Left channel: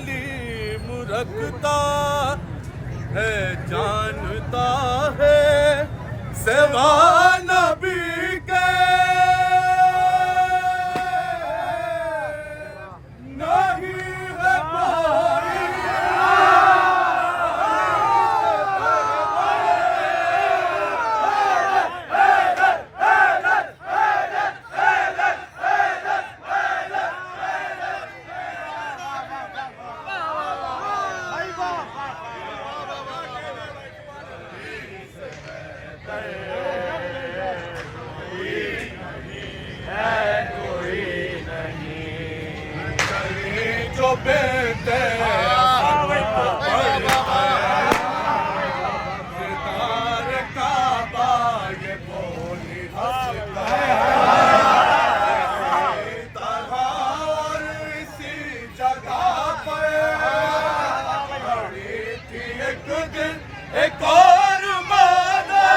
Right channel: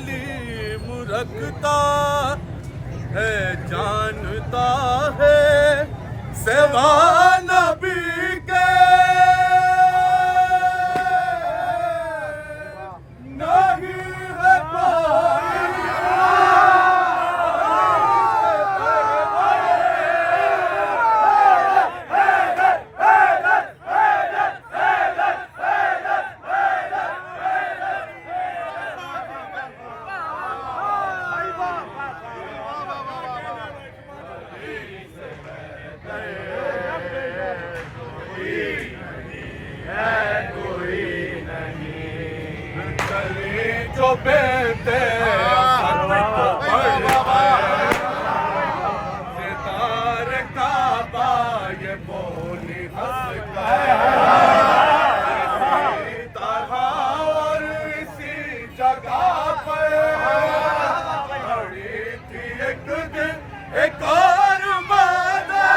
तालीम रखता है, जानता है सेवा नबी के नहीं है कोई। जो बेटे असर को पढ़ता है, सितार काबा ये बोली हंसता है। इसी तरह और इसी जगह पर खड़ी थी एक दिन एक और माना,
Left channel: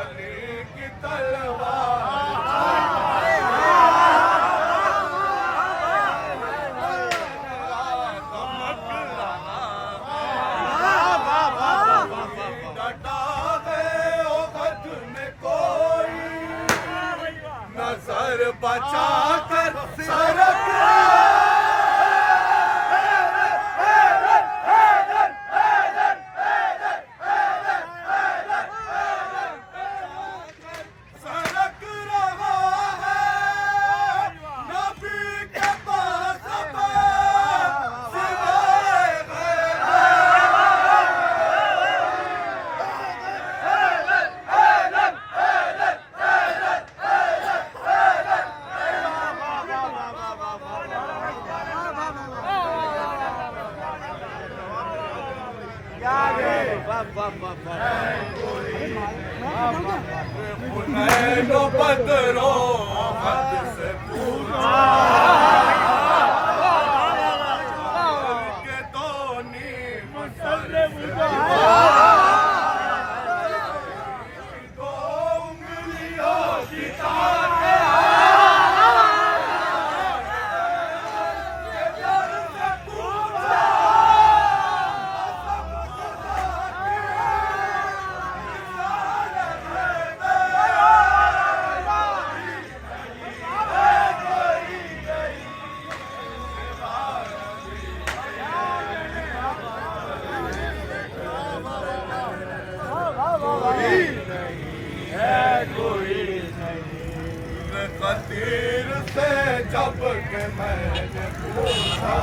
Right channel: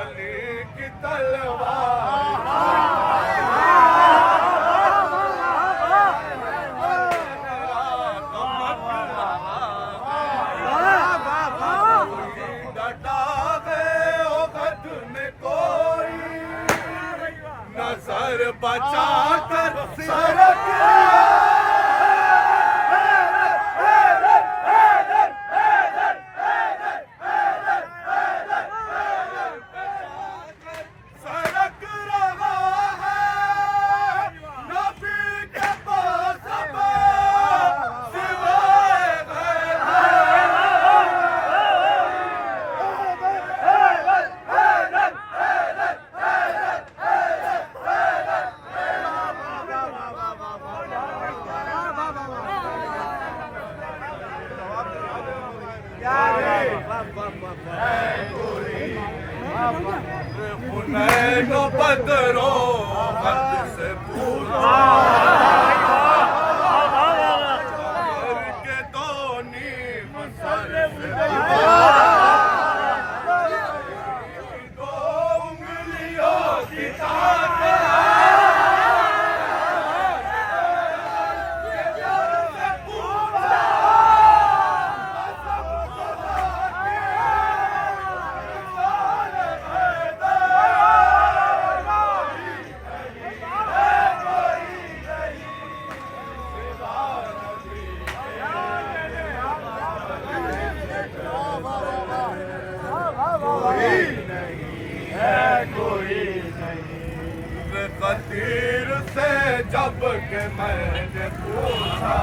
अली की तलवार डटा है ओ गद में कोई, नजर बचा कर सरक हुनैनो बदरो हद से पूछा के दो नीम सर से दो उंगलियों की ताकत खतीर से जब के मैंने पूछा